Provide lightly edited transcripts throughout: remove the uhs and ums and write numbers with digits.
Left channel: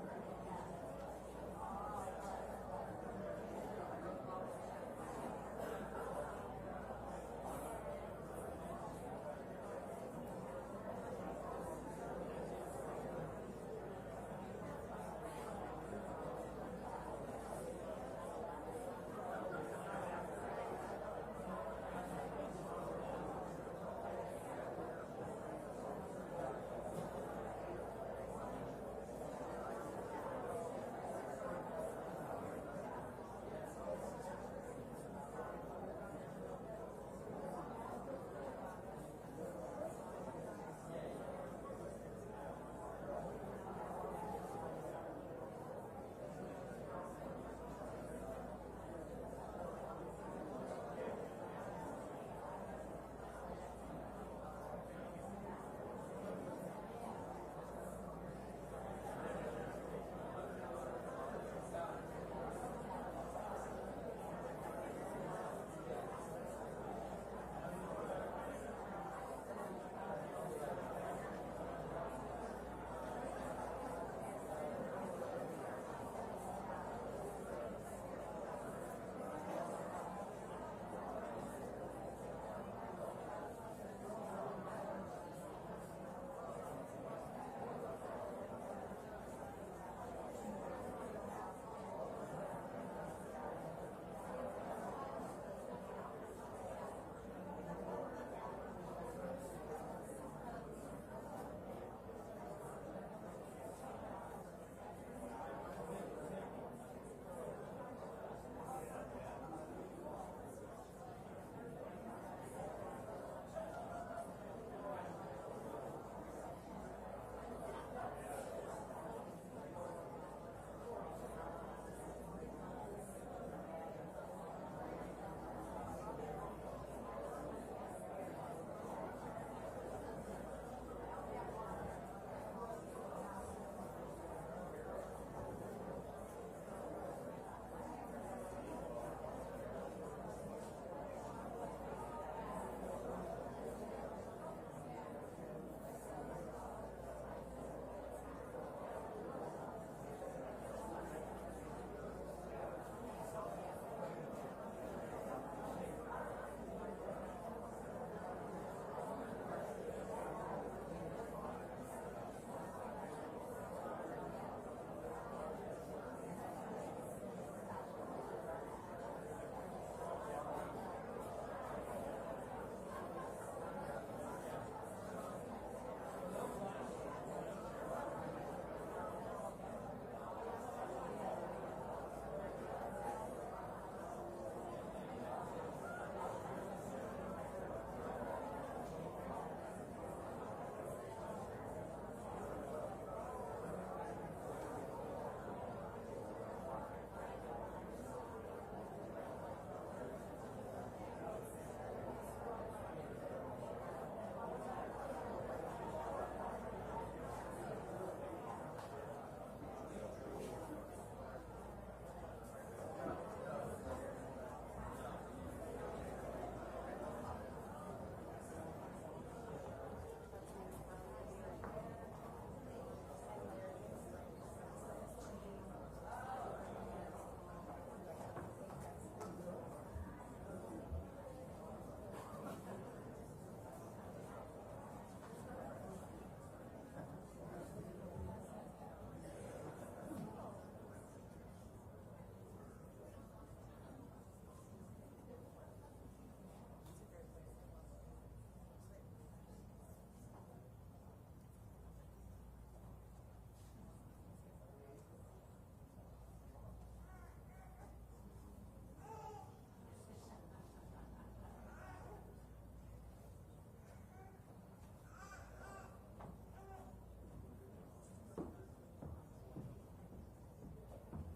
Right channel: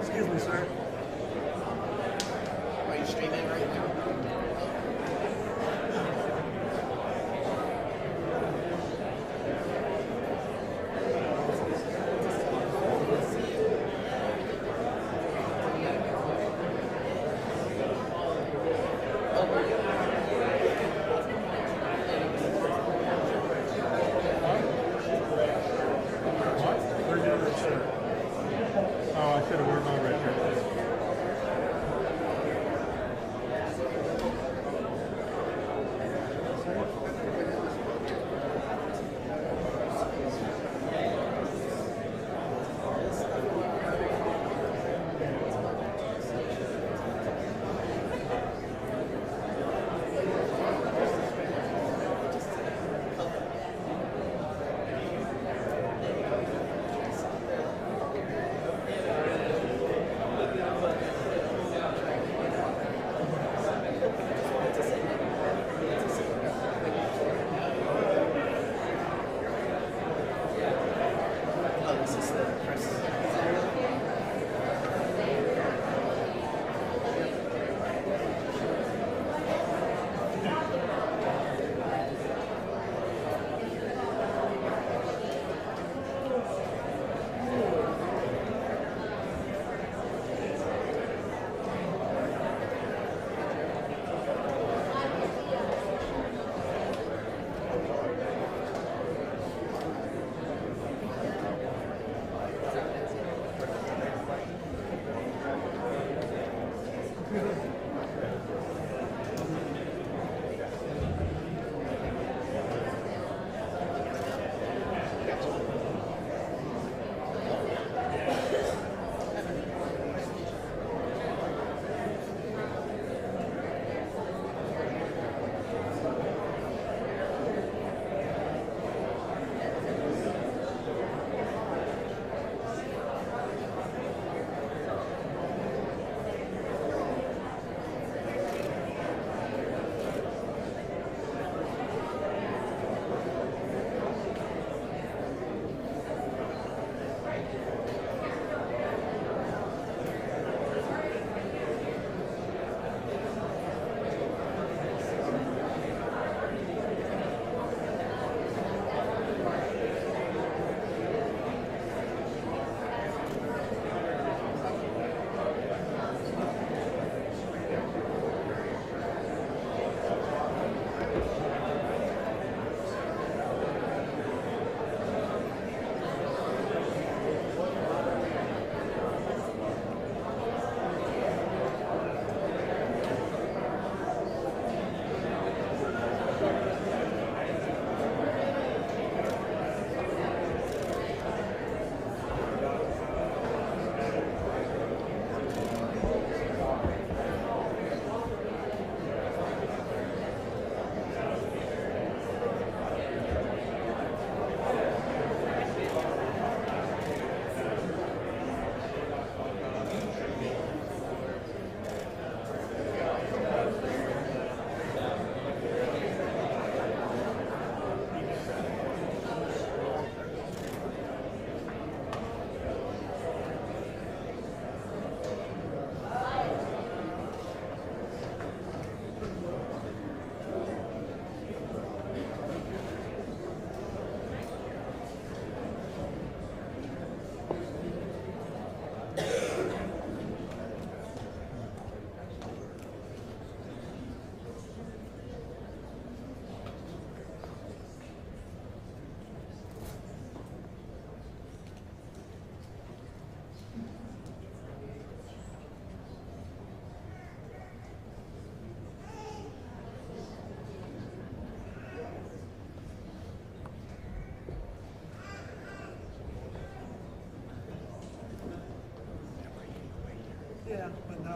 Excuse me, sir. Are you streaming right now? Where's your other shirt? Oh, I should have worn my red shirt.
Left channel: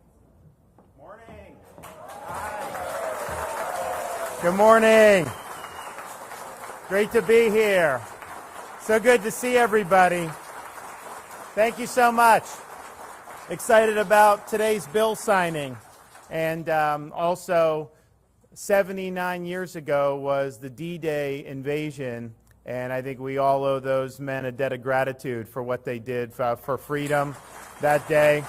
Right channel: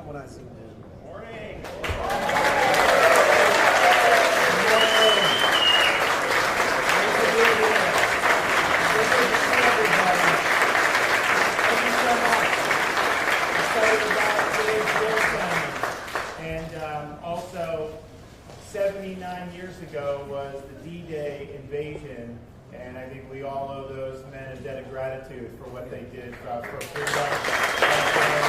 what I see. Good morning. Great to be here. So good to see everybody. Thank you so much. Excited about today's bill signing. And also, 79 years ago was the D-Day invasion. And I think we all owe those men a debt of gratitude for what they did for freedom that day.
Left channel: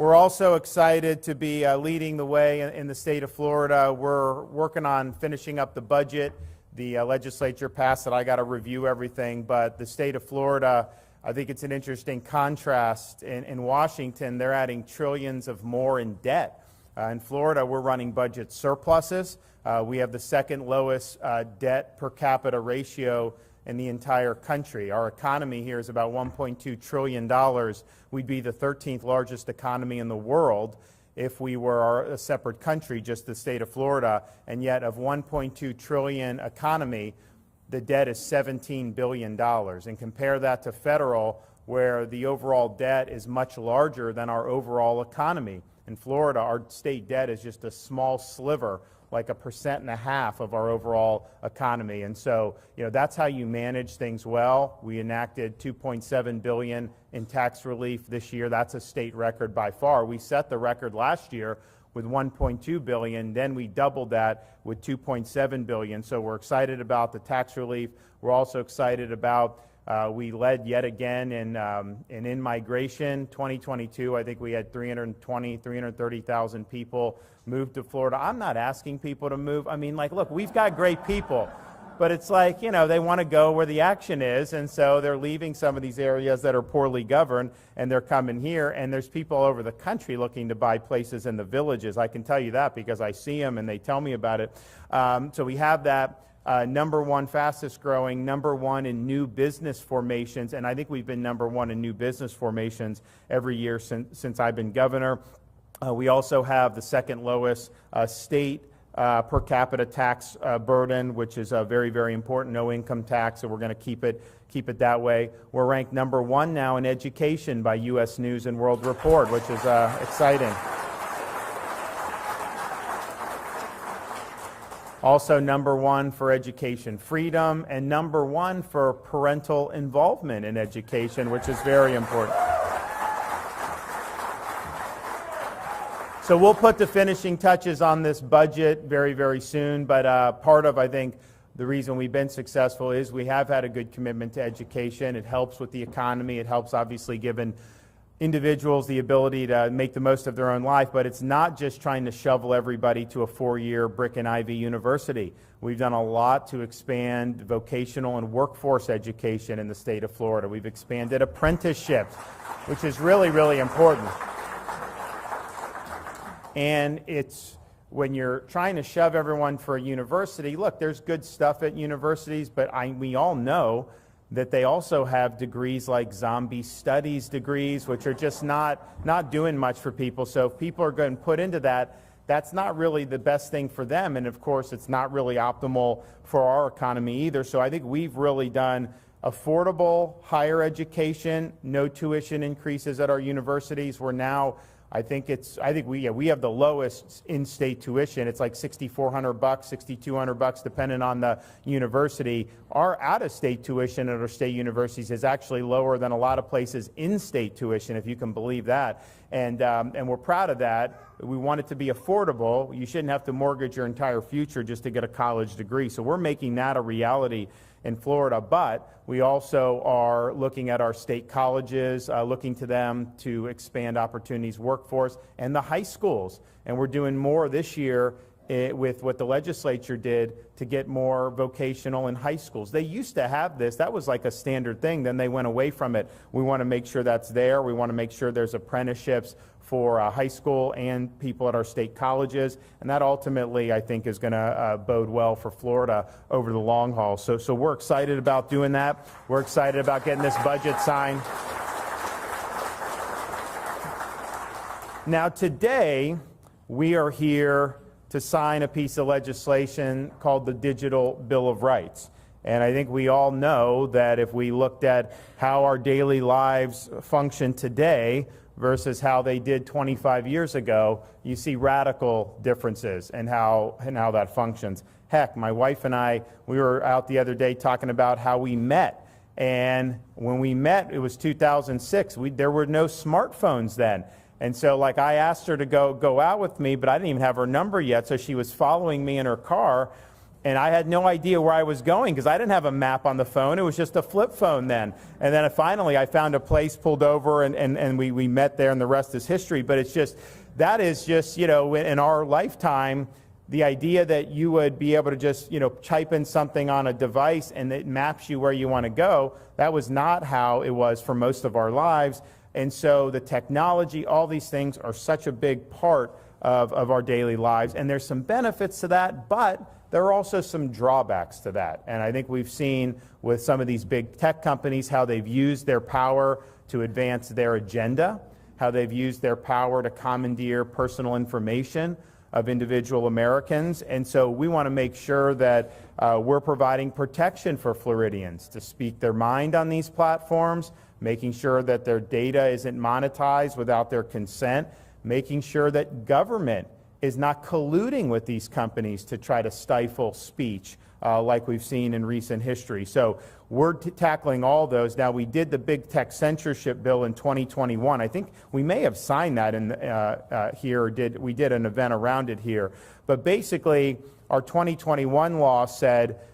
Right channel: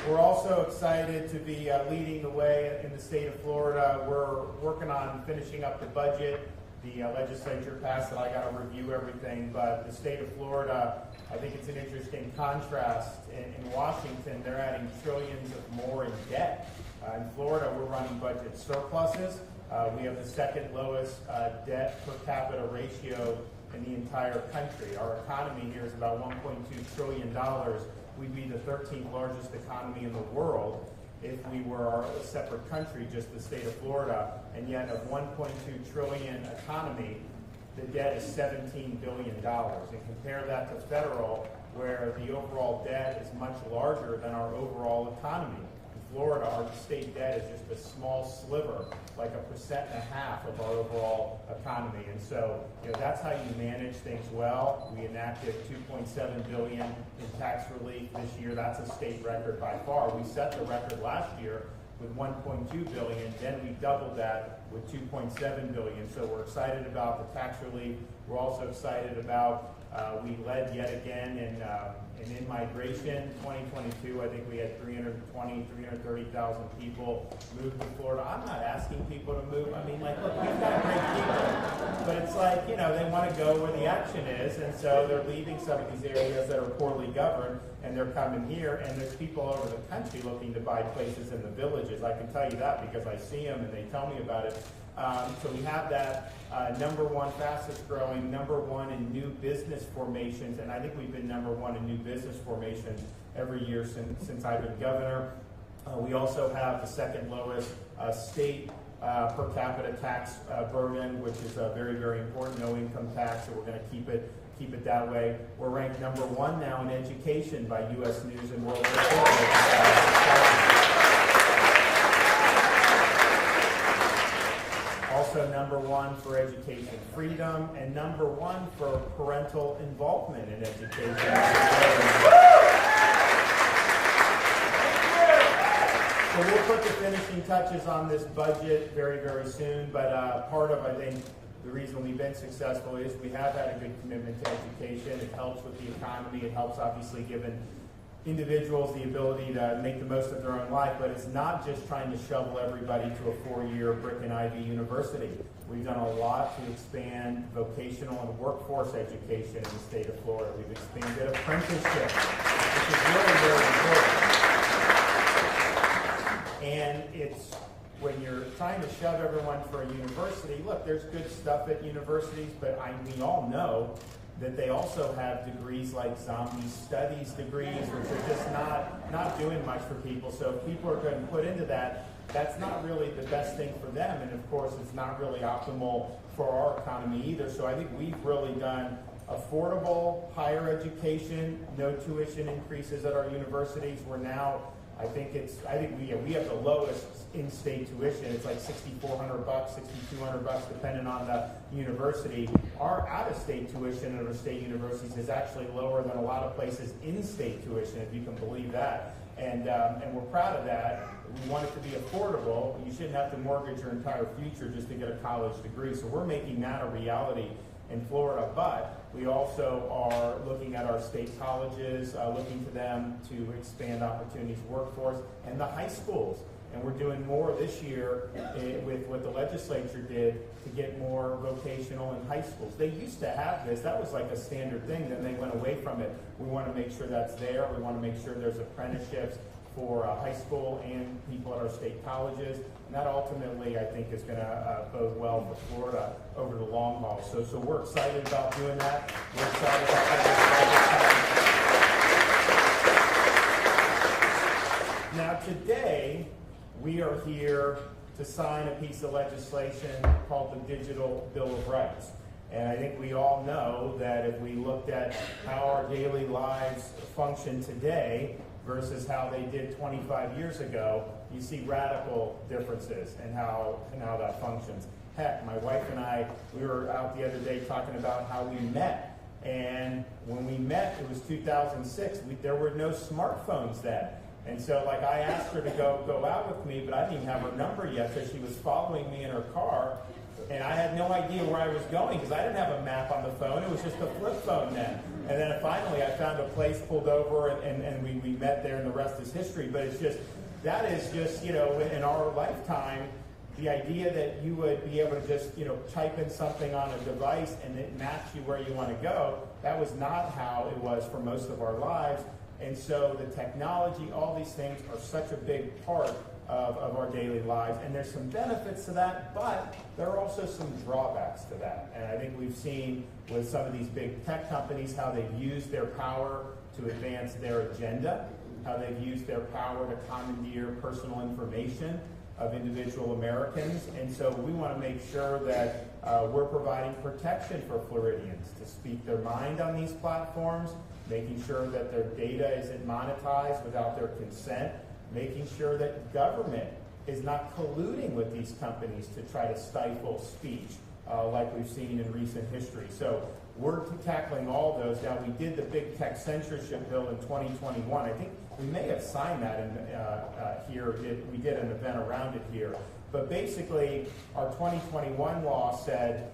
We're also excited to be leading the way in the state of Florida. We're working on finishing up the budget. The legislature passed it. I got to review everything. But the state of Florida, I think it's an interesting contrast. In Washington, they're adding trillions of more in debt. In Florida, we're running budget surpluses. We have the second lowest debt per capita ratio in the entire country. Our economy here is about $1.2 trillion. We'd be the 13th largest economy in the world if we were a separate country, just the state of Florida. And yet of 1.2 trillion economy, the debt is $17 billion. And compare that to federal, where the overall debt is much larger than our overall economy. In Florida, our state debt is just a small sliver, like 1.5% of our overall economy. And so, that's how you manage things well. We enacted $2.7 billion in tax relief this year. That's a state record by far. We set the record last year with $1.2 billion. Then we doubled that with $2.7 billion. So we're excited about the tax relief. We're also excited about we led yet again in in-migration. 2022, I think we had 330,000 people move to Florida. I'm not asking people to move. I mean, look, we've got great people. But it's like, they want to go where the action is. And so they're leaving some of these areas that are poorly governed, and they're coming here. And there's people all over the country looking to buy places in the villages. I can tell you that because I see them and they tell me about it. So we have that. Number one fastest growing, number one in new business formations, and I think we've been number one in new business formations every year since I've been governor. We also have the second lowest state per capita tax burden, which is very, very important, no income tax, so we're going to keep it that way. We're ranked number one now in education by U.S. News and World Report, which is exciting. Also number one for education freedom, and number one for parental involvement in education, which is very important. So we'll put the finishing touches on this budget very, very soon, but part of, I think, the reason we've been successful is we have had a good commitment to education. It helps with the economy. It helps, obviously, given individuals the ability to make the most of their own life, but it's not just trying to shovel everybody to a 4-year brick and ivy university. We've done a lot to expand vocational and workforce education in the state of Florida. We've expanded apprenticeship, which is really, really important. And it's when you're trying to shove everyone for a university, look, there's good stuff at universities, but we all know that they also have degrees like zombie studies degrees, which are just not doing much for people. So if people are going to put into that, that's not really the best thing for them. And of course, it's not really optimal for our economy either. So I think we've really done affordable higher education, no tuition increases at our universities. We're now, I think we have the lowest in-state tuition. It's like $6,400, $6,200, depending on the university. Our out-of-state tuition at our state universities is actually lower than a lot of places in-state tuition, if you can believe that. And we're proud of that. We want it to be affordable. You shouldn't have to mortgage your entire future just to get a college degree. So we're making that a reality in Florida, but we also are looking at our state colleges, looking to them to expand opportunities, workforce, and the high schools. And we're doing more this year with what the legislature did to get more vocational in high schools. They used to have this. That was like a standard thing. Then they went away from it. We want to make sure that's there. We want to make sure there's apprenticeships for high school and people at our state colleges. And that ultimately, I think, is going to bode well for Florida over the long haul. So we're excited about doing that. We're excited about getting this budget signed. Now today, we are here to sign a piece of legislation called the Digital Bill of Rights. And I think we all know that if we looked at how our daily lives function today versus how they did 25 years ago, you see radical differences in how that functions. Heck, my wife and I, we were out the other day talking about how we met. And when we met, it was 2006. There were no smartphones then. And so like I asked her to go out with me, but I didn't even have her number yet. So she was following me in her car. And I had no idea where I was going because I didn't have a map on the phone. It was just a flip phone then. And then finally I found a place, pulled over, and we met there, and the rest is history. But it's just, that is just, you know, in our lifetime, the idea that you would be able to just, you know, type in something on a device and it maps you where you want to go, that was not how it was for most of our lives. And so the technology, all these things are such a big part of our daily lives. And there's some benefits to that, but there are also some drawbacks to that. And I think we've seen with some of these big tech companies how they've used their power to advance their agenda, how they've used their power to commandeer personal information of individual Americans. And so we want to make sure that we're providing protection for Floridians to speak their mind on these platforms, making sure that their data isn't monetized without their consent, making sure that government is not colluding with these companies to try to stifle speech like we've seen in recent history. So we're tackling all those. Now, we did the big tech censorship bill in 2021. I think we may have signed that in here, or we did an event around it here. But basically, our 2021 law said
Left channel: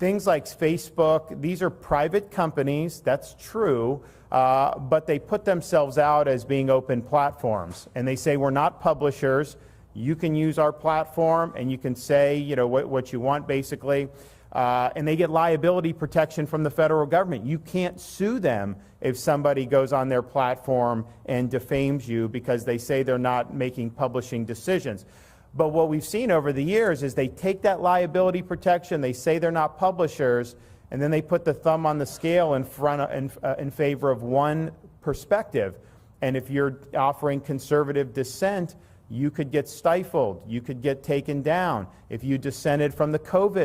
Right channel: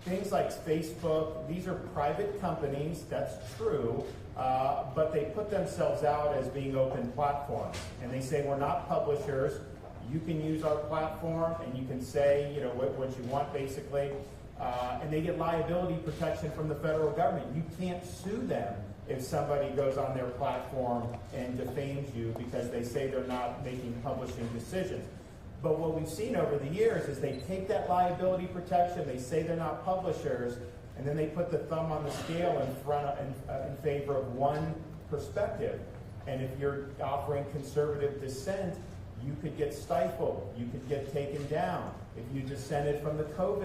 things like Facebook, these are private companies, that's true, but they put themselves out as being open platforms. And they say, we're not publishers. You can use our platform and you can say, you know, what you want, basically. And they get liability protection from the federal government. You can't sue them if somebody goes on their platform and defames you because they say they're not making publishing decisions. But what we've seen over the years is they take that liability protection, they say they're not publishers, and then they put the thumb on the scale in favor of one perspective. And if you're offering conservative dissent, you could get stifled, you could get taken down. If you dissented from the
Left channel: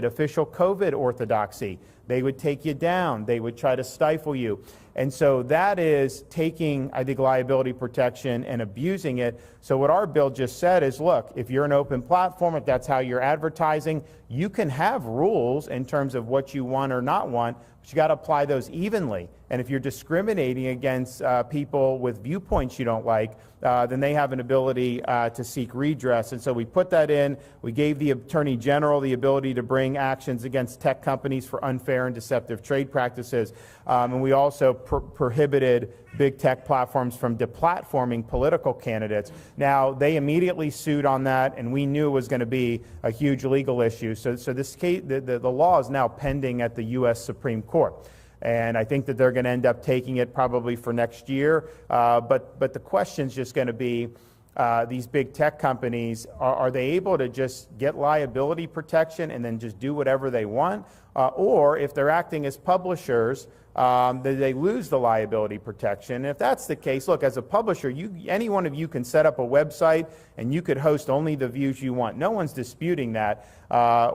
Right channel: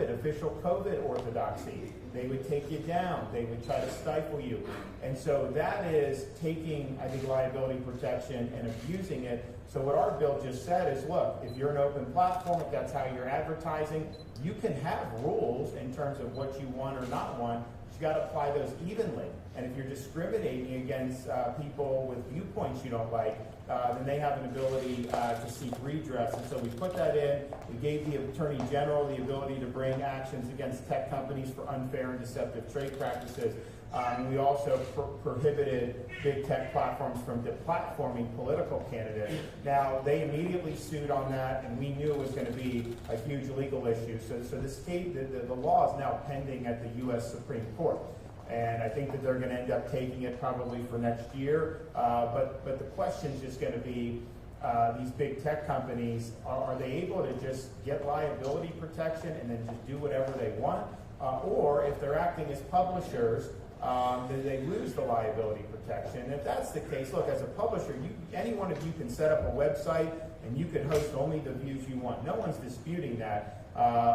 official COVID orthodoxy, they would take you down, they would try to stifle you. And so that is taking, I think, liability protection and abusing it. So what our bill just said is, look, if you're an open platform, if that's how you're advertising, you can have rules in terms of what you want or not want, but you got to apply those evenly. And if you're discriminating against people with viewpoints you don't like, then they have an ability to seek redress. And so we put that in. We gave the Attorney General the ability to bring actions against tech companies for unfair and deceptive trade practices. And we also prohibited big tech platforms from deplatforming political candidates. Now, they immediately sued on that, and we knew it was going to be a huge legal issue. So this case, the law is now pending at the U.S. Supreme Court. And I think that they're going to end up taking it probably for next year. But the question is just going to be, these big tech companies, are they able to just get liability protection and then just do whatever they want? Or if they're acting as publishers, they lose the liability protection. And if that's the case, look, as a publisher, any one of you can set up a website and you could host only the views you want. No one's disputing that.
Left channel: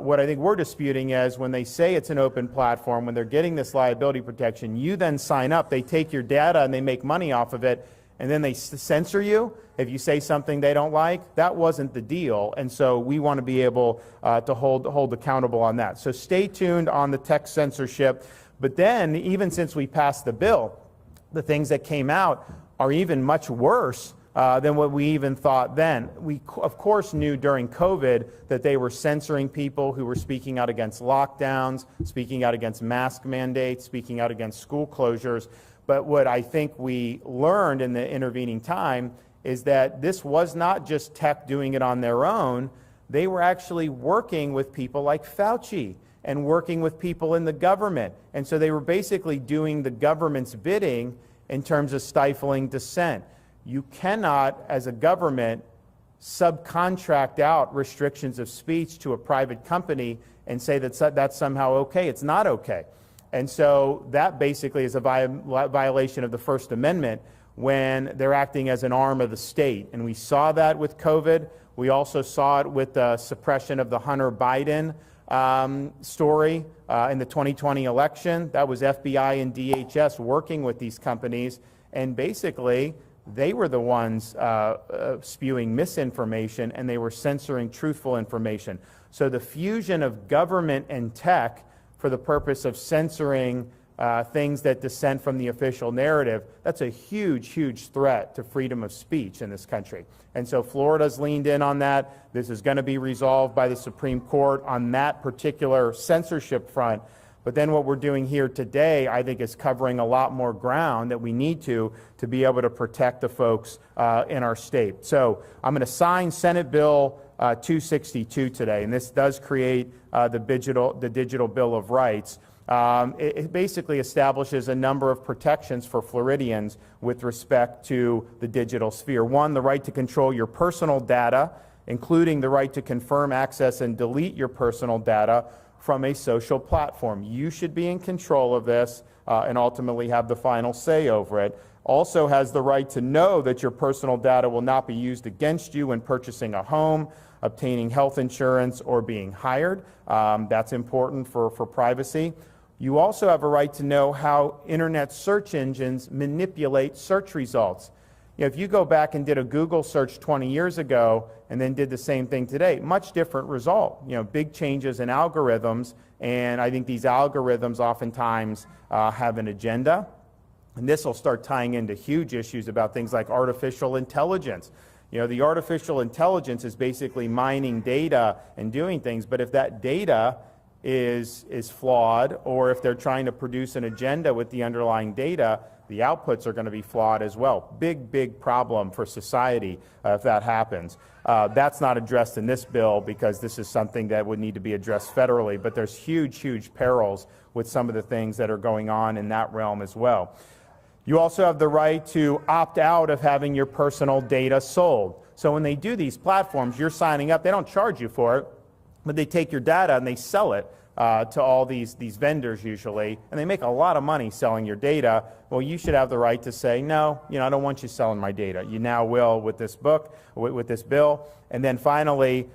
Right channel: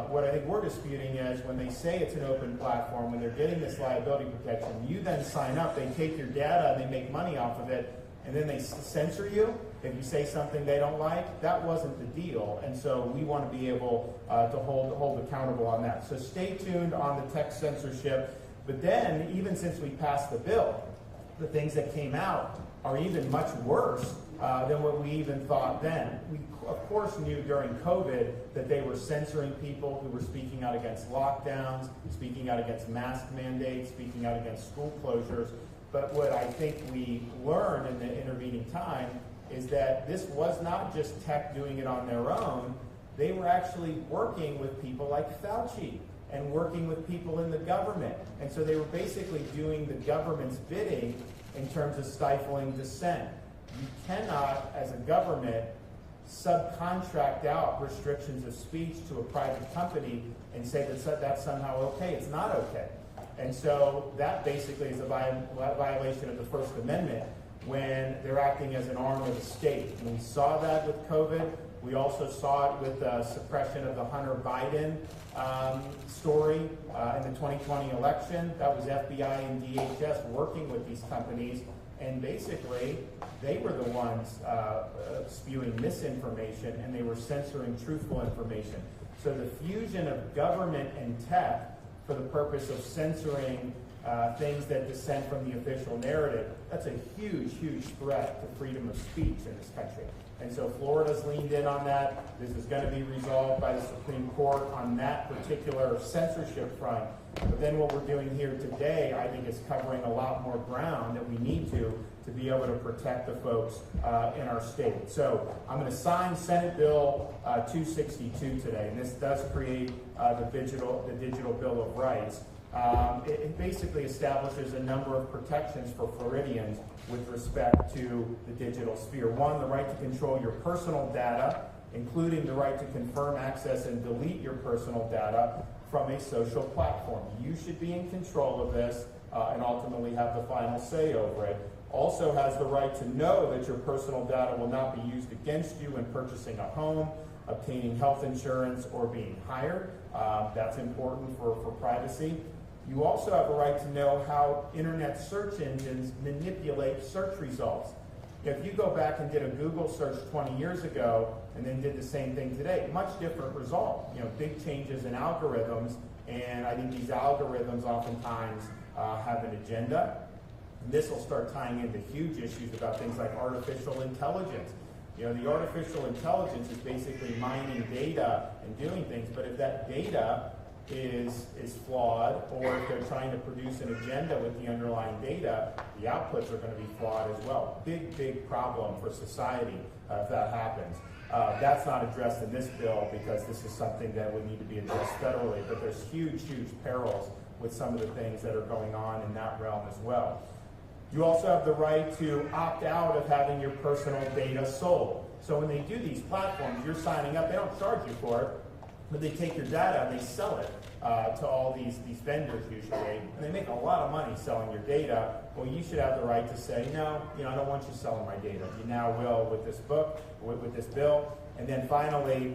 What I think we're disputing is when they say it's an open platform, when they're getting this liability protection, you then sign up, they take your data and they make money off of it, and then they censor you if you say something they don't like. That wasn't the deal, and so we want to be able to hold accountable on that. So stay tuned on the tech censorship. But then, even since we passed the bill, the things that came out are even much worse than what we even thought then. We, of course, knew during COVID that they were censoring people who were speaking out against lockdowns, speaking out against mask mandates, speaking out against school closures. But what I think we learned in the intervening time is that this was not just tech doing it on their own. They were actually working with people like Fauci and working with people in the government. And so they were basically doing the government's bidding in terms of stifling dissent. You cannot, as a government, subcontract out restrictions of speech to a private company and say that that's somehow okay. It's not okay. And so that basically is a violation of the First Amendment when they're acting as an arm of the state. And we saw that with COVID. We also saw it with the suppression of the Hunter Biden story in the 2020 election. That was FBI and DHS working with these companies, and basically they were the ones spewing misinformation, and they were censoring truthful information. So the fusion of government and tech for the purpose of censoring things that dissent from the official narrative, that's a huge, huge threat to freedom of speech in this country. And so Florida's leaned in on that. This is going to be resolved by the Supreme Court on that particular censorship front. But then what we're doing here today, I think, is covering a lot more ground that we need to be able to protect the folks in our state. So I'm going to sign Senate Bill 262 today, and this does create the digital Bill of Rights. It basically establishes a number of protections for Floridians with respect to the digital sphere. One, the right to control your personal data, including the right to confirm access and delete your personal data from a social platform. You should be in control of this and ultimately have the final say over it. Also has the right to know that your personal data will not be used against you when purchasing a home, obtaining health insurance, or being hired. That's important for privacy. You also have a right to know how internet search engines manipulate search results. You know, if you go back and did a Google search 20 years ago and then did the same thing today, much different result. You know, big changes in algorithms, and I think these algorithms oftentimes have an agenda. And this will start tying into huge issues about things like artificial intelligence. You know, the artificial intelligence is basically mining data and doing things, but if that data is flawed, or if they're trying to produce an agenda with the underlying data, the outputs are going to be flawed as well. Big problem for society if that happens. That's not addressed in this bill because this is something that would need to be addressed federally, but there's huge perils with some of the things that are going on in that realm as well. You also have the right to opt out of having your personal data sold. So when they do these platforms, you're signing up, they don't charge you for it, but they take your data and they sell it to all these vendors usually, and they make a lot of money selling your data. Well, you should have the right to say, no, you know, I don't want you selling my data. You now will with this bill. And then finally,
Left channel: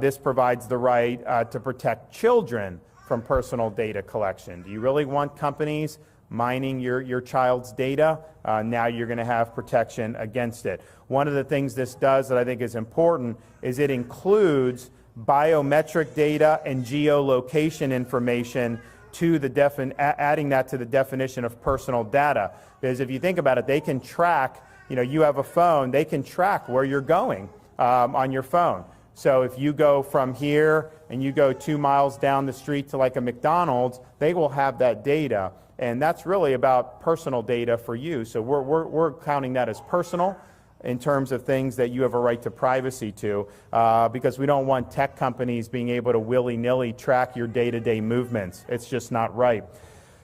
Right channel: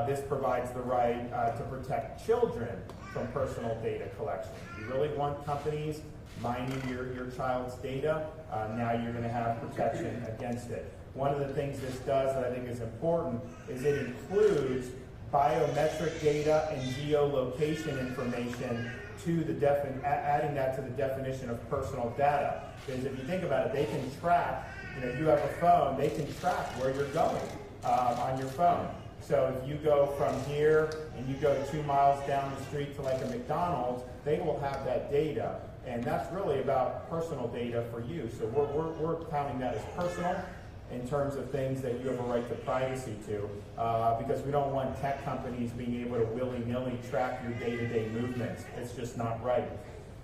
this provides the right to protect children from personal data collection. Do you really want companies mining your child's data? Now you're going to have protection against it. One of the things this does that I think is important is it includes biometric data and geolocation information to adding that to the definition of personal data. Because if you think about it, they can track, you know, you have a phone, they can track where you're going on your phone. So if you go from here and you go 2 miles down the street to like a McDonald's, they will have that data. And that's really about personal data for you. So we're counting that as personal in terms of things that you have a right to privacy to, because we don't want tech companies being able to willy-nilly track your day-to-day movements. It's just not right.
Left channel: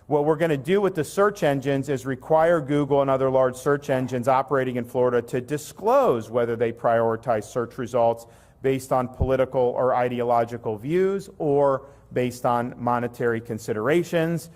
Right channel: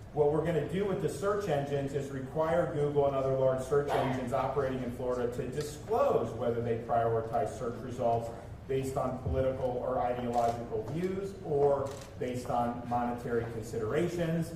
What we're going to do with the search engines is require Google and other large search engines operating in Florida to disclose whether they prioritize search results based on political or ideological views or based on monetary considerations.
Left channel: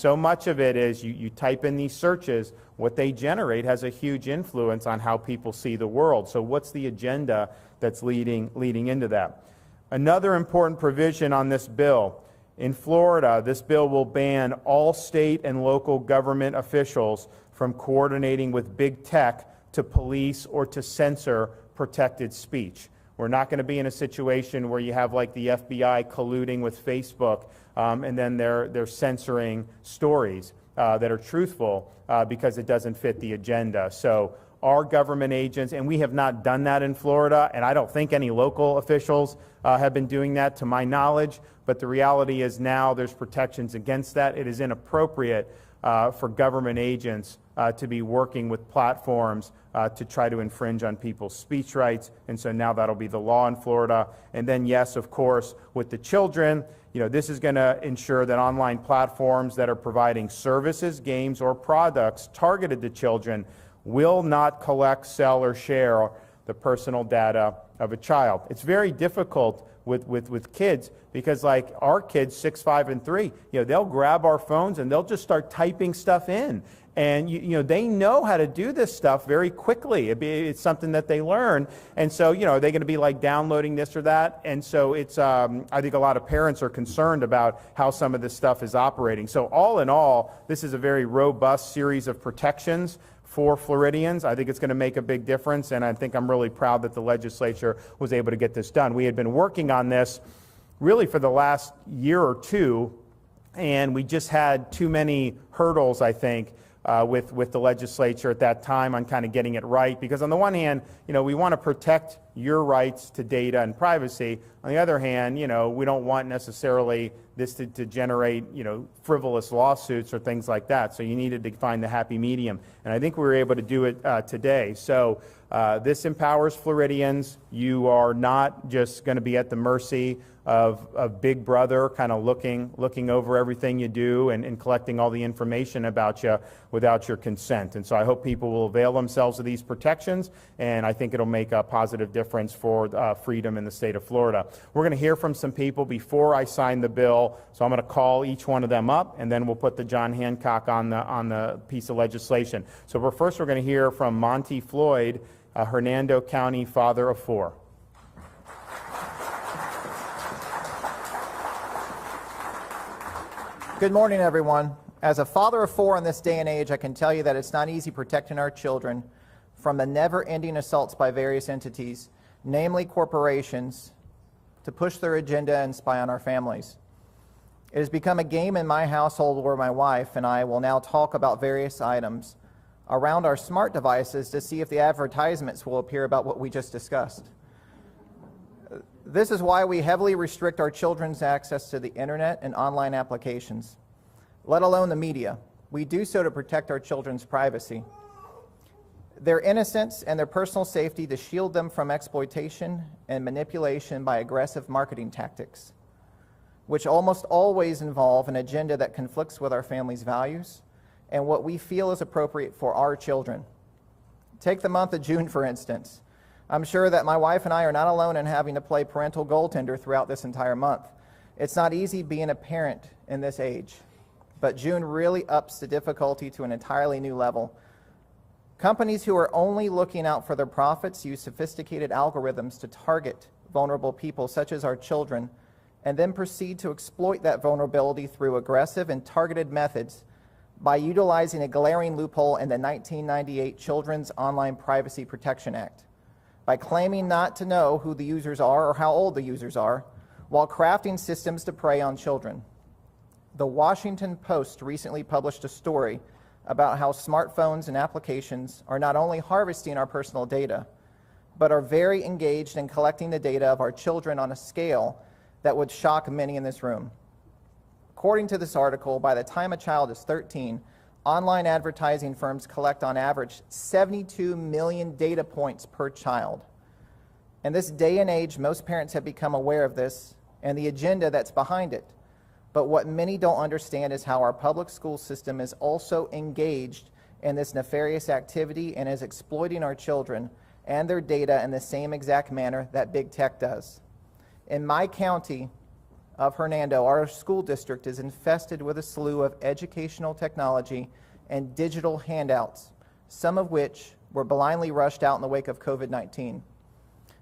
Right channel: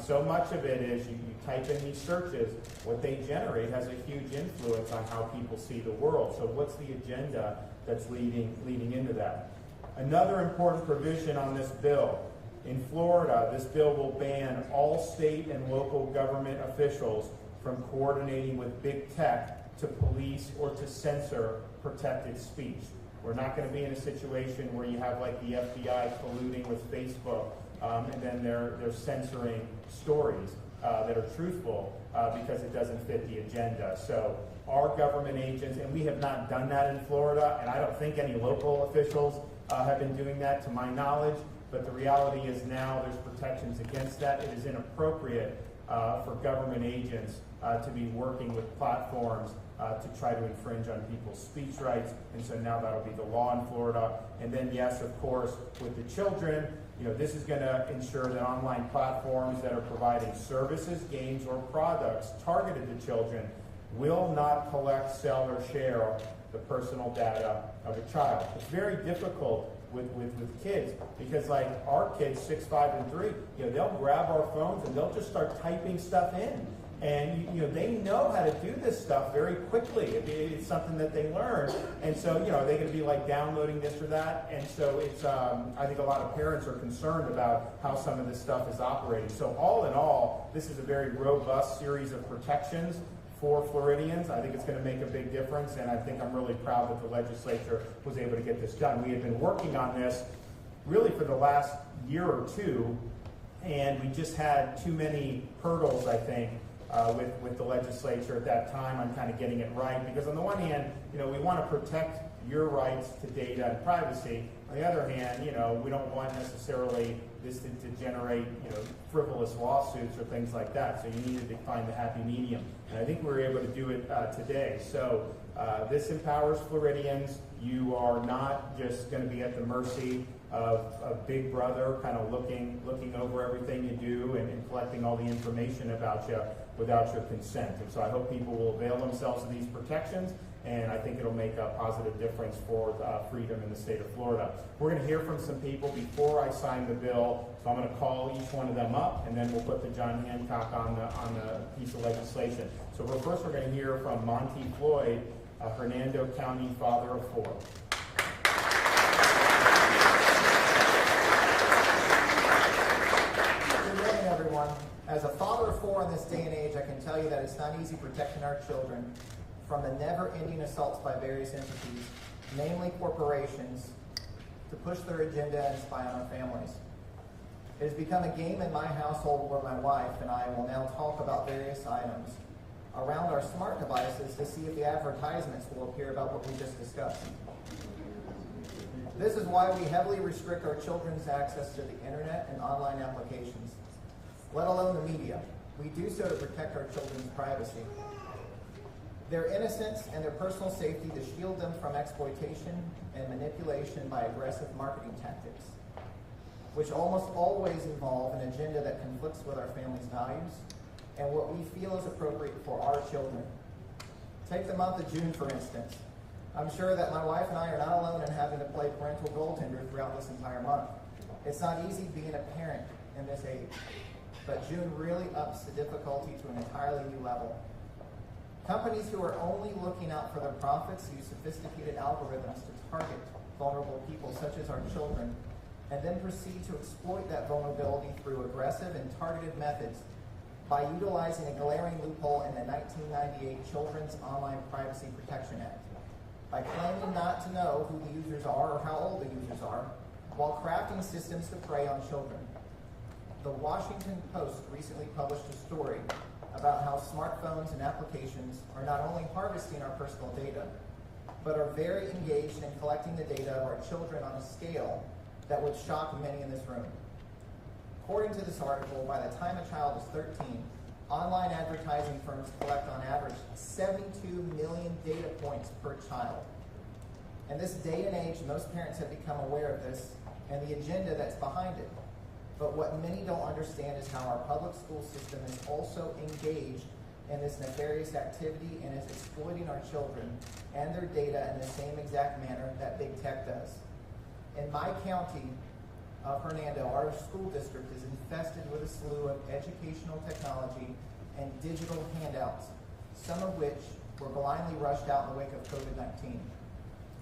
So much of it is you type in these searches, what they generate has a huge influence on how people see the world. So what's the agenda that's leading into that? Another important provision on this bill, in Florida, this bill will ban all state and local government officials from coordinating with big tech to police or to censor protected speech. We're not going to be in a situation where you have like the FBI colluding with Facebook and then they're censoring stories that are truthful because it doesn't fit the agenda. So our government agents, and we have not done that in Florida, and I don't think any local officials have been doing that to my knowledge, but the reality is now there's protections against that. It is inappropriate for government agents to be working with platforms to try to infringe on people's speech rights, and so now that'll be the law in Florida. And then yes, of course, with the children, you know, this is going to ensure that online platforms that are providing services, games, or products targeted to children will not collect, sell, or share the personal data of a child. It's very difficult with kids because like our kids, 6, 5, and 3, you know, they'll grab our phones and they'll just start typing stuff in. And they know how to do this stuff very quickly. It's something that they learn. And so, are they going to be like downloading this or that? And so it's, I think a lot of parents are concerned about how some of this stuff is operating. So all in all, this is a very robust series of protections for Floridians. I think it's going to make a big difference, and I think I'm really proud that the legislature was able to get this done. We had been working on this really for the last year or two, and we just had too many hurdles, I think, with the legislature at that time on kind of getting it right. Because on the one hand, we want to protect your rights to data and privacy. On the other hand, we don't want necessarily this to generate, frivolous lawsuits or things like that. So you needed to find the happy medium. And I think we were able to do it today. So this empowers Floridians. You are not just going to be at the mercy of Big Brother kind of looking over everything you do and collecting all the information about you without your consent. And so I hope people will avail themselves of these protections, and I think it'll make a positive difference for freedom in the state of Florida. We're going to hear from some people before I sign the bill, so I'm going to call each one of them up, and then we'll put the John Hancock on the piece of legislation. So first we're going to hear from Monty Floyd, a Hernando County father of 4. Good morning, everyone. As a father of 4 in this day and age, I can tell you that it's not easy protecting our children from the never-ending assaults by various entities, namely corporations, to push their agenda and spy on our families. It has become a game in my household where my wife and I will now talk about various items around our smart devices to see if the advertisements will appear about what we just discussed. This is why we heavily restrict our children's access to the internet and online applications, let alone the media. We do so to protect our children's privacy, their innocence, and their personal safety, to shield them from exploitation and manipulation by aggressive marketing tactics, which almost always involve an agenda that conflicts with our family's values and what we feel is appropriate for our children. Take the month of June, for instance. I'm sure that my wife and I are not alone in having to play parental goaltender throughout this entire month. It's not easy being a parent in this age, but June really ups the difficulty to an entirely new level. Companies who are only looking out for their profits use sophisticated algorithms to target vulnerable people such as our children, and then proceed to exploit that vulnerability through aggressive and targeted methods by utilizing a glaring loophole in the 1998 Children's Online Privacy Protection Act, by claiming not to know who the users are or how old the users are, while crafting systems to prey on children. The Washington Post recently published a story about how smartphones and applications are not only harvesting our personal data, but are very engaged in collecting the data of our children on a scale that would shock many in this room. According to this article, by the time a child is 13, online advertising firms collect on average 72 million data points per child. In this day and age, most parents have become aware of this and the agenda that's behind it. But what many don't understand is how our public school system is also engaged in this nefarious activity and is exploiting our children and their data in the same exact manner that big tech does. In my county of Hernando, our school district is infested with a slew of educational technology and digital handouts, some of which were blindly rushed out in the wake of COVID-19,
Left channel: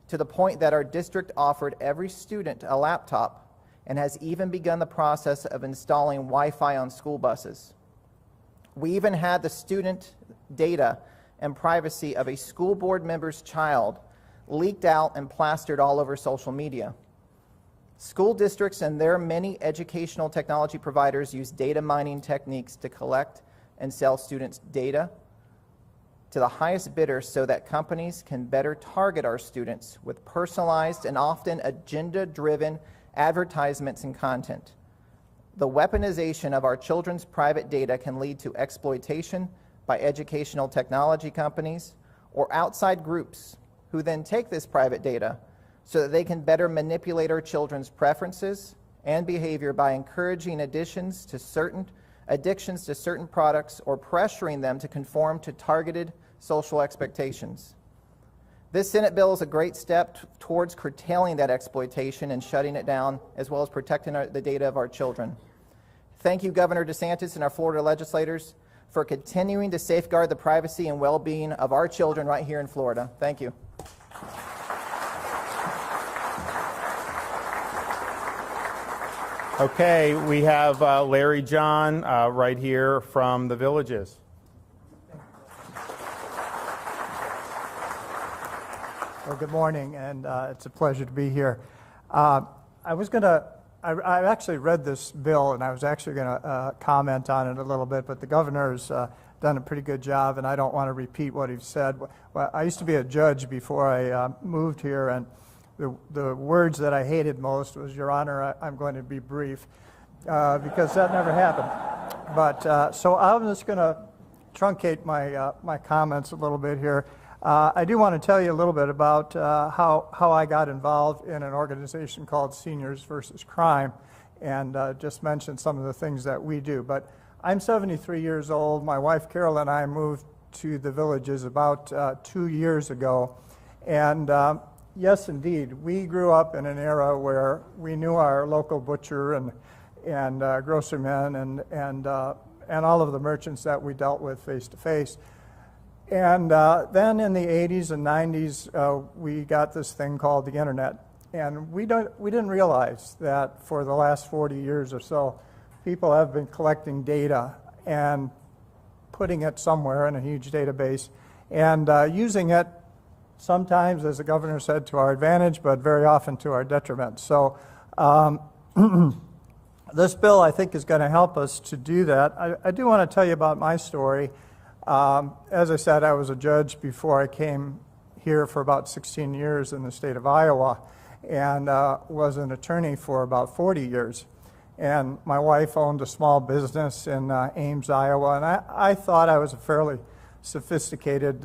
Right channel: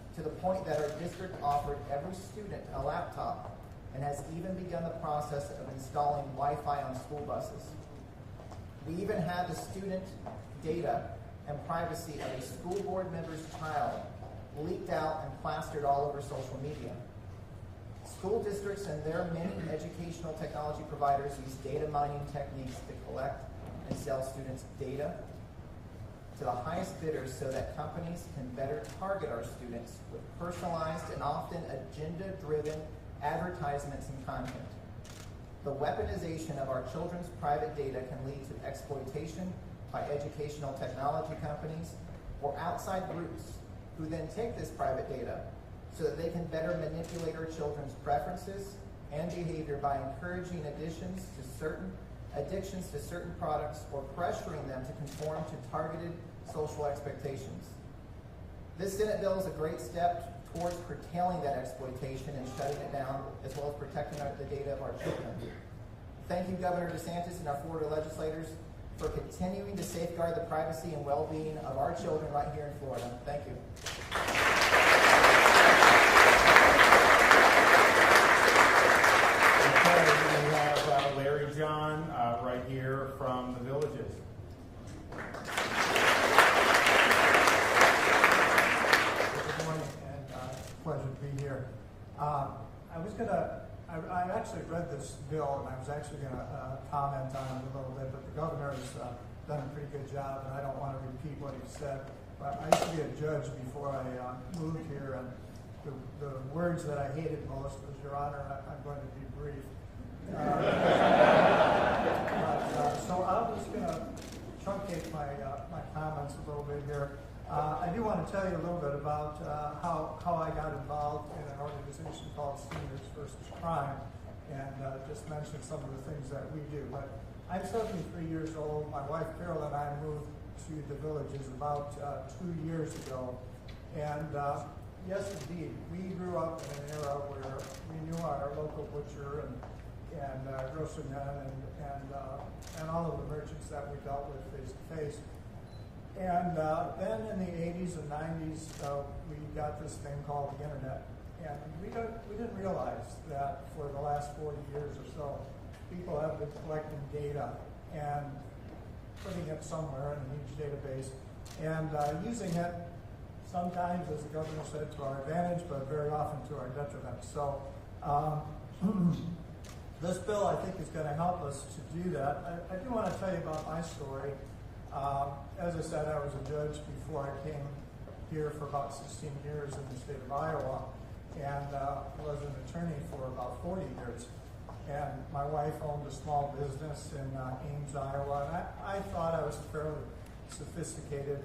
to the point that our district offered every student a laptop and has even begun the process of installing Wi-Fi on school buses. We even had the student data and privacy of a school board member's child leaked out and plastered all over social media. School districts and their many educational technology providers use data mining techniques to collect and sell students' data to the highest bidder so that companies can better target our students with personalized and often agenda-driven advertisements and content. The weaponization of our children's private data can lead to exploitation by educational technology companies or outside groups who then take this private data so that they can better manipulate our children's preferences and behavior by encouraging addictions to certain products or pressuring them to conform to targeted social expectations. This Senate bill is a great step towards curtailing that exploitation and shutting it down, as well as protecting the data of our children. Thank you, Governor DeSantis and our Florida legislators, for continuing to safeguard the privacy and well-being of our children right here in Florida. Thank you. Okay, we have Larry John right here from the Villages. Well, good morning, and it's a pleasure to be here. I actually read this bill, and I was actually going to comment on it a little bit, but the governor's done a pretty good job, and I don't want to repeat what he said. Well, I used to be a judge before I moved here, and the words that I hated most was, "Your Honor, I'm going to be brief," because that never happened. But so I'm just going to truncate my comments a little bit here. I do want to tell you a little bit about how I got involved in an organization called Seniors versus Crime, and just mention some of the things that we do. But I'm 73 years old. My wife Carol and I moved to the Villages about 2 years ago, and yes, indeed, we grew up in an era where we knew our local butcher and grocerymen and all of the merchants that we dealt with face to face. And then in the 80s and 90s, we got this thing called the internet. And we didn't realize that for the last 40 years or so, people have been collecting data and putting it somewhere in a huge database and using it sometimes, as the governor said, to our advantage, but very often to our detriment. So this bill, I think, is going to help us to do that. I do want to tell you about my story. As I said, I was a judge before I came here for about 16 years in the state of Iowa, and was an attorney for about 40 years. And my wife owned a small business in Ames, Iowa, and I thought I was a fairly sophisticated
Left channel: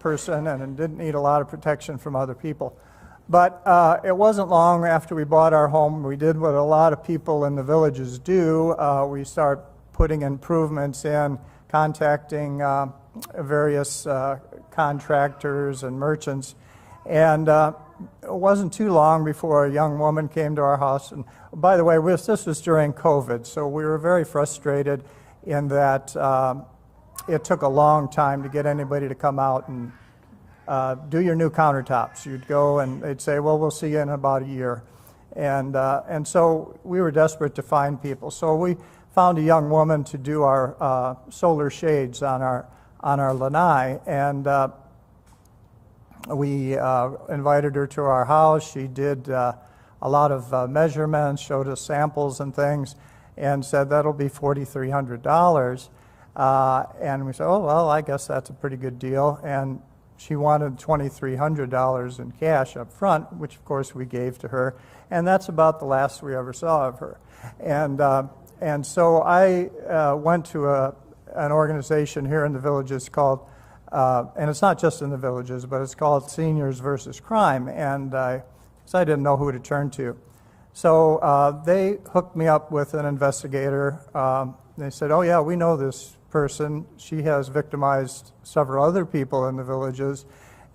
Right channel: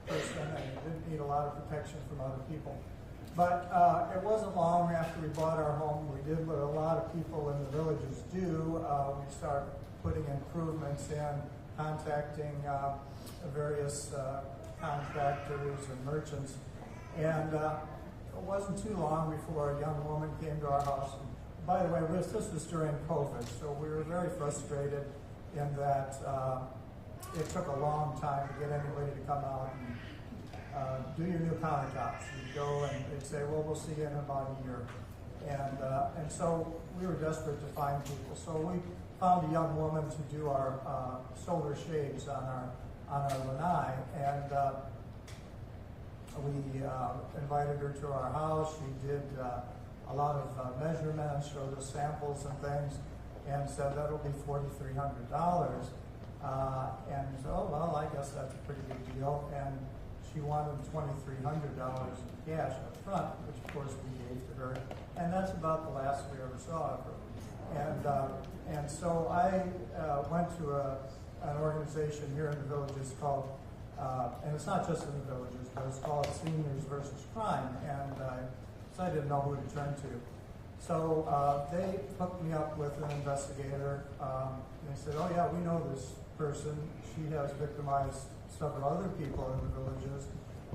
person and didn't need a lot of protection from other people. But it wasn't long after we bought our home, we did what a lot of people in the Villages do. We start putting improvements in, contacting various contractors and merchants. And it wasn't too long before a young woman came to our house. And by the way, this was during COVID, so we were very frustrated in that it took a long time to get anybody to come out and do your new countertops. You'd go and they'd say, well, we'll see you in about a year. And so we were desperate to find people. So we found a young woman to do our solar shades on our lanai, and we invited her to our house. She did a lot of measurements, showed us samples and things, and said that'll be $4,300. And we said, oh, well, I guess that's a pretty good deal. And she wanted $2,300 in cash up front, which of course we gave to her. And that's about the last we ever saw of her. And so I went to an organization here in the Villages called, and it's not just in the Villages, but it's called Seniors versus Crime. And so I didn't know who to turn to. So they hooked me up with an investigator. They said, oh yeah, we know this person. She has victimized several other people in the Villages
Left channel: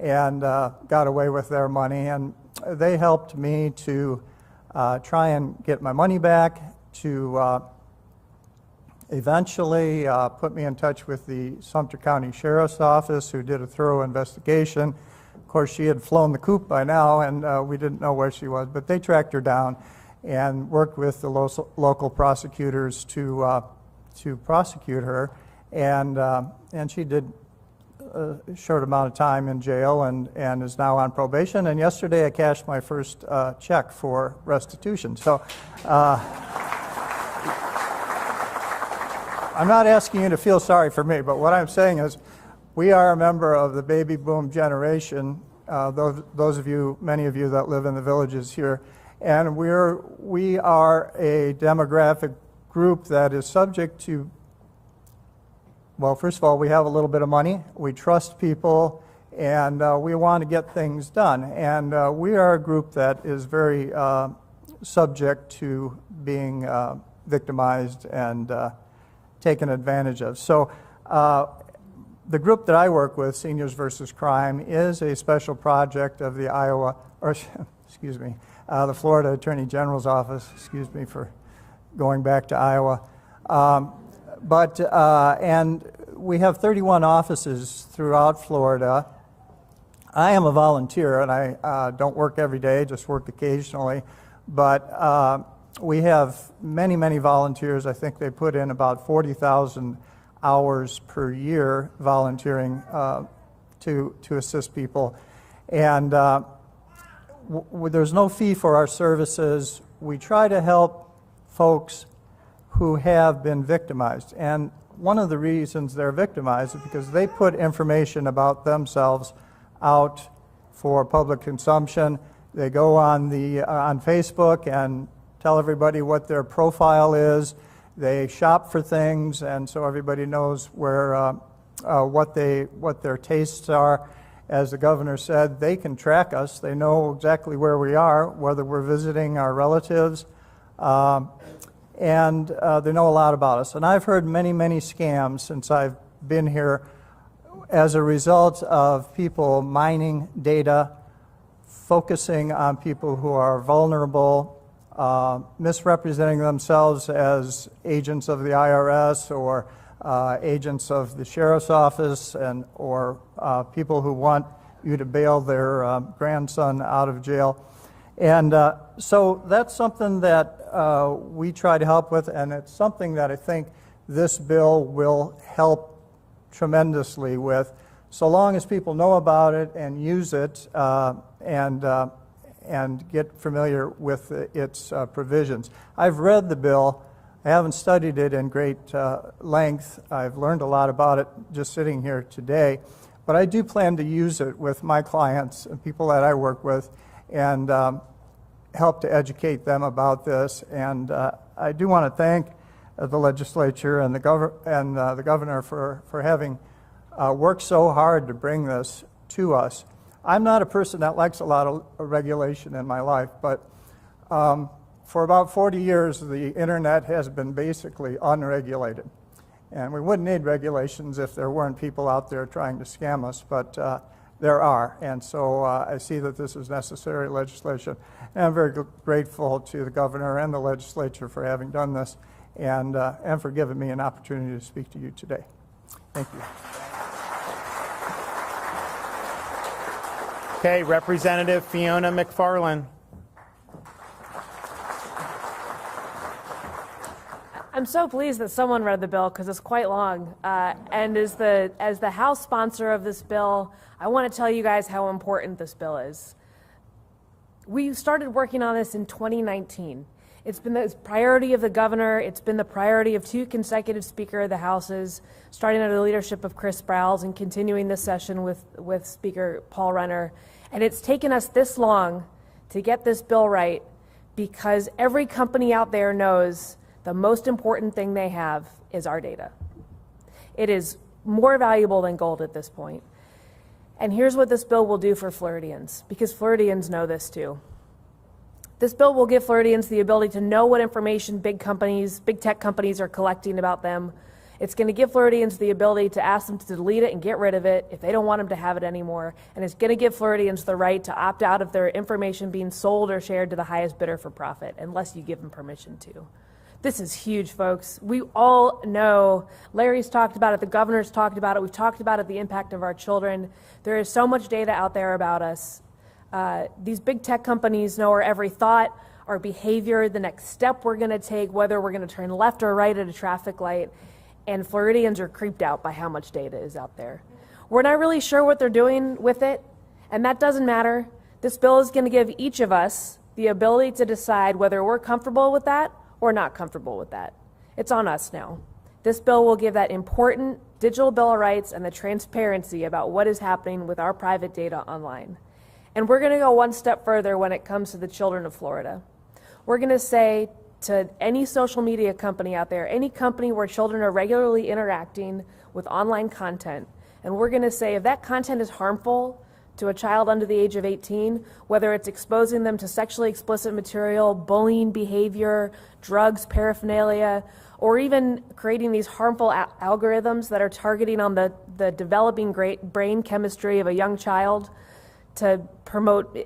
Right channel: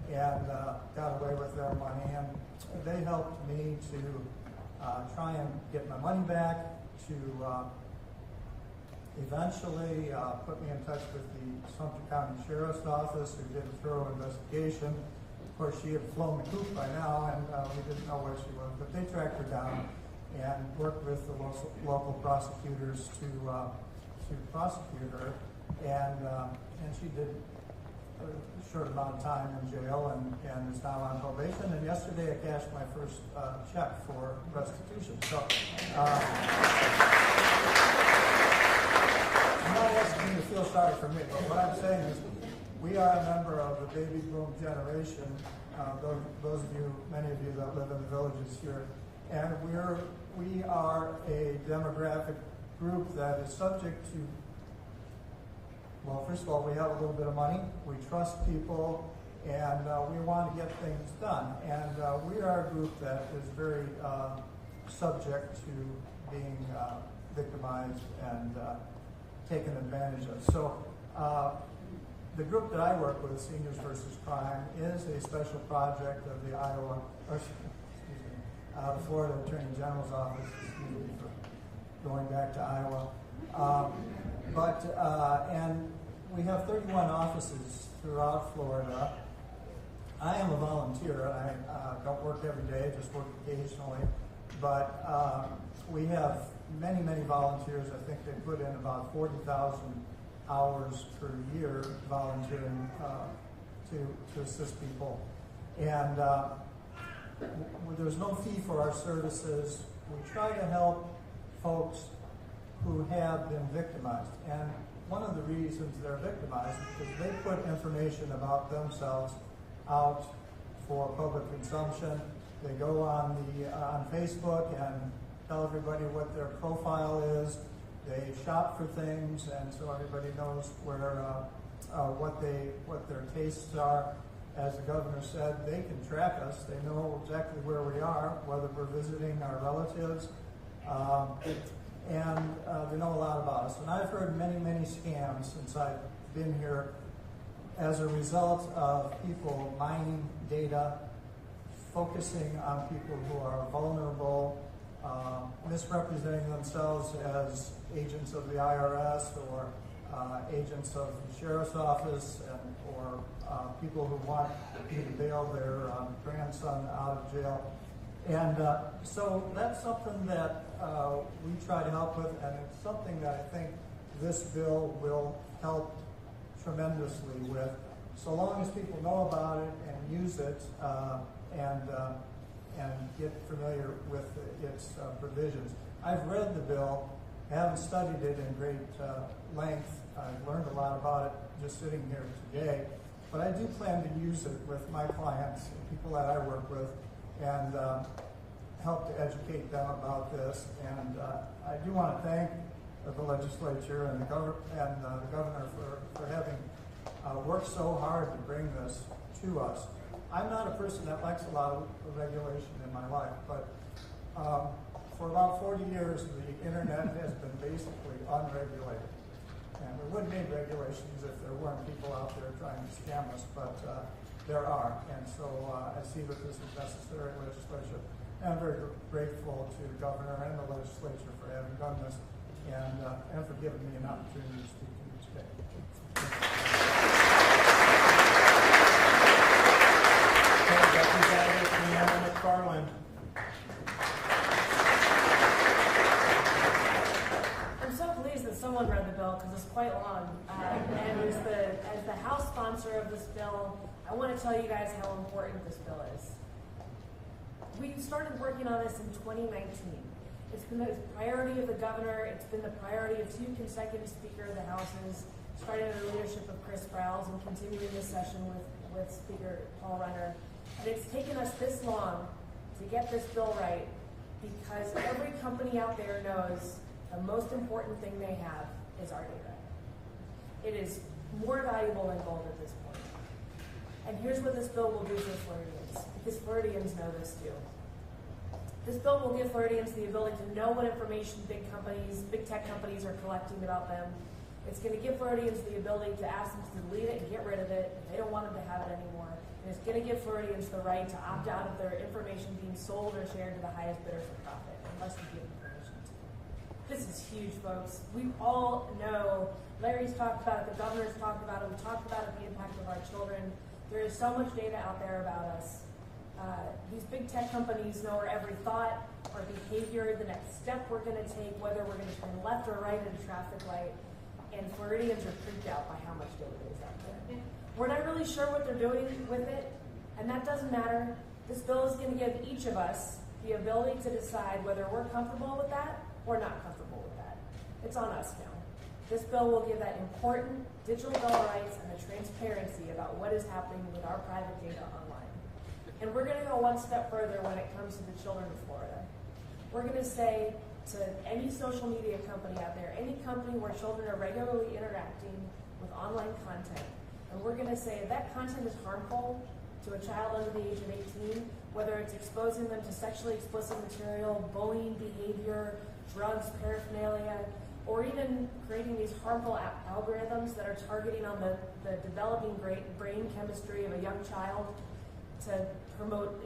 and got away with their money. And they helped me to try and get my money back, to eventually put me in touch with the Sumter County Sheriff's Office, who did a thorough investigation. Of course, she had flown the coop by now, and we didn't know where she was, but they tracked her down and worked with the local prosecutors to prosecute her. And she did a short amount of time in jail and is now on probation. And yesterday I cashed my first check for restitution. So I'm not asking you to feel sorry for me, but what I'm saying is we are a member of the baby boom generation, those of you, many of you that live in the Villages here, and we are a demographic group that is subject to, well, first of all, we have a little bit of money, we trust people, and we want to get things done. And we are a group that is very subject to being victimized and taken advantage of. So the group that I work with, Seniors versus Crime, is a special project of the the Florida Attorney General's office. Excuse me for going back to Iowa. And we have 31 offices throughout Florida. I am a volunteer, and I don't work every day, just work occasionally. But we have many, many volunteers. I think they put in about 40,000 hours per year volunteering to assist people. And there's no fee for our services. We try to help folks who have been victimized. And one of the reasons they're victimized is because they put information about themselves out for public consumption. They go on Facebook and tell everybody what their profile is. They shop for things, and so everybody knows where what their tastes are. As the governor said, they can track us. They know exactly where we are, whether we're visiting our relatives, and they know a lot about us. And I've heard many, many scams since I've been here as a result of people mining data, focusing on people who are vulnerable, misrepresenting themselves as agents of the IRS or agents of the sheriff's office, or people who want you to bail their grandson out of jail. And so that's something that we try to help with, and it's something that I think this bill will help tremendously with, so long as people know about it and use it and get familiar with its provisions. I've read the bill. I haven't studied it in great length. I've learned a lot about it just sitting here today, but I do plan to use it with my clients and people that I work with, and help to educate them about this. And I do want to thank the legislature and the governor for having worked so hard to bring this to us. I'm not a person that likes a lot of regulation in my life, but for about 40 years, the internet has been basically unregulated. And we wouldn't need regulations if there weren't people out there trying to scam us, but there are. And so I see that this is necessary legislation. And I'm very grateful to the governor and the legislature for having done this, and for giving me an opportunity to speak to you today. Thank you. Okay, Representative Fiona McFarland. I'm so pleased that someone read the bill because it's quite long. And as the House sponsor of this bill, I want to tell you guys how important this bill is. We started working on this in 2019. It's been the priority of the governor. It's been the priority of 2 consecutive Speaker of the Houses, starting under the leadership of Chris Sprowls and continuing this session with Speaker Paul Renner. And it's taken us this long to get this bill right because every company out there knows the most important thing they have is our data. It is more valuable than gold at this point. And here's what this bill will do for Floridians, because Floridians know this too. This bill will give Floridians the ability to know what information big tech companies are collecting about them. It's going to give Floridians the ability to ask them to delete it and get rid of it if they don't want them to have it anymore. And it's going to give Floridians the right to opt out of their information being sold or shared to the highest bidder for profit, unless you give them permission to. This is huge, folks. We all know, Larry's talked about it, the governor's talked about it, we've talked about it, the impact of our children. There is so much data out there about us. These big tech companies know our every thought, our behavior, the next step we're gonna take, whether we're gonna turn left or right at a traffic light, and Floridians are creeped out by how much data is out there. We're not really sure what they're doing with it, and that doesn't matter. This bill is gonna give each of us the ability to decide whether we're comfortable with that or not comfortable with that. It's on us now. This bill will give that important digital Bill of Rights and the transparency about what is happening with our private data online. And we're gonna go one step further when it comes to the children of Florida. We're gonna say to any social media company out there, any company where children are regularly interacting with online content, and we're gonna say if that content is harmful to a child under the age of 18, whether it's exposing them to sexually explicit material, bullying behavior, drugs, paraphernalia, or even creating these harmful algorithms that are targeting on the developing brain chemistry of a young child to promote,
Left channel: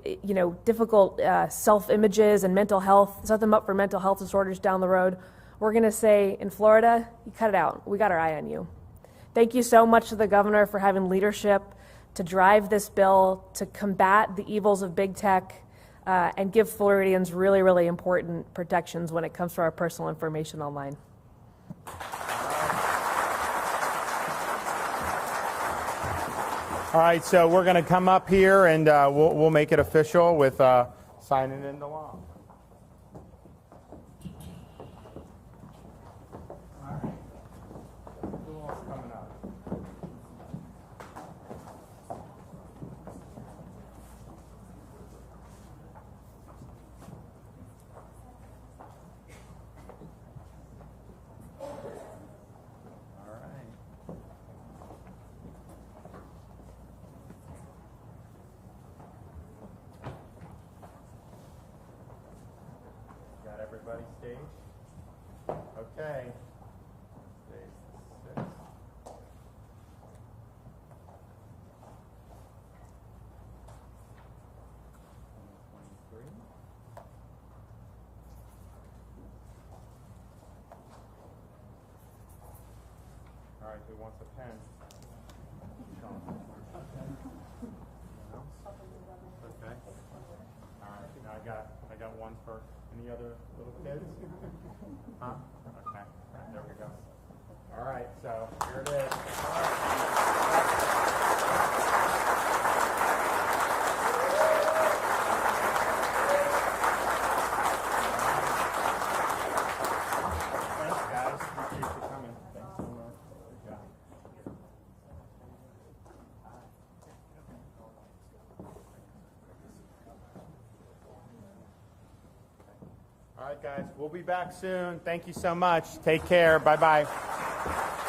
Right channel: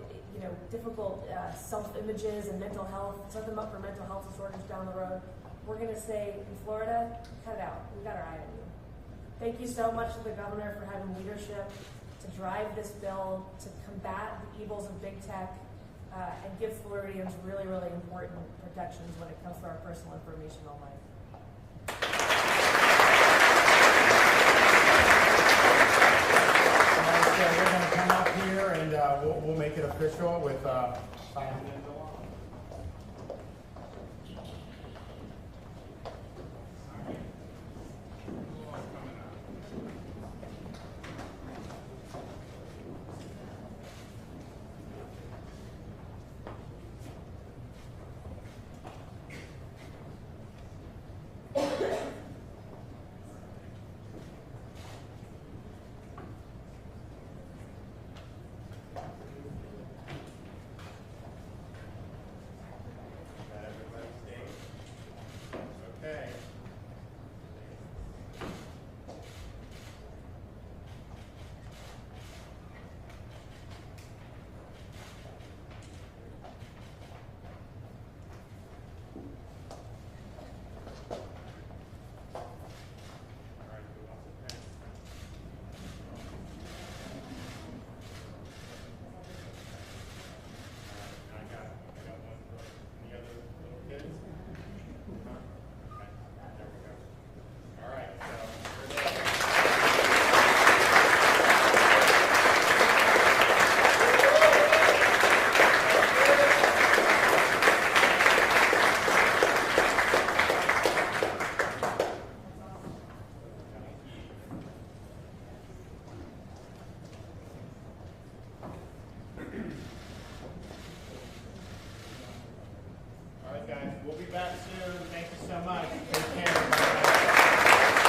difficult self-images and mental health, set them up for mental health disorders down the road. We're gonna say, in Florida, cut it out. We got our eye on you. Thank you so much to the governor for having leadership to drive this bill to combat the evils of big tech and give Floridians really, really important protections when it comes to our personal information online. All right, so we're going to come up here and we'll make it official with signing into law. Okay. All right, who wants the pen? I got one for any other little kids? Huh? Okay. There we go. All right, so here it is. All right, guys, we'll be back soon. Thank you so much. Take care. Bye-bye.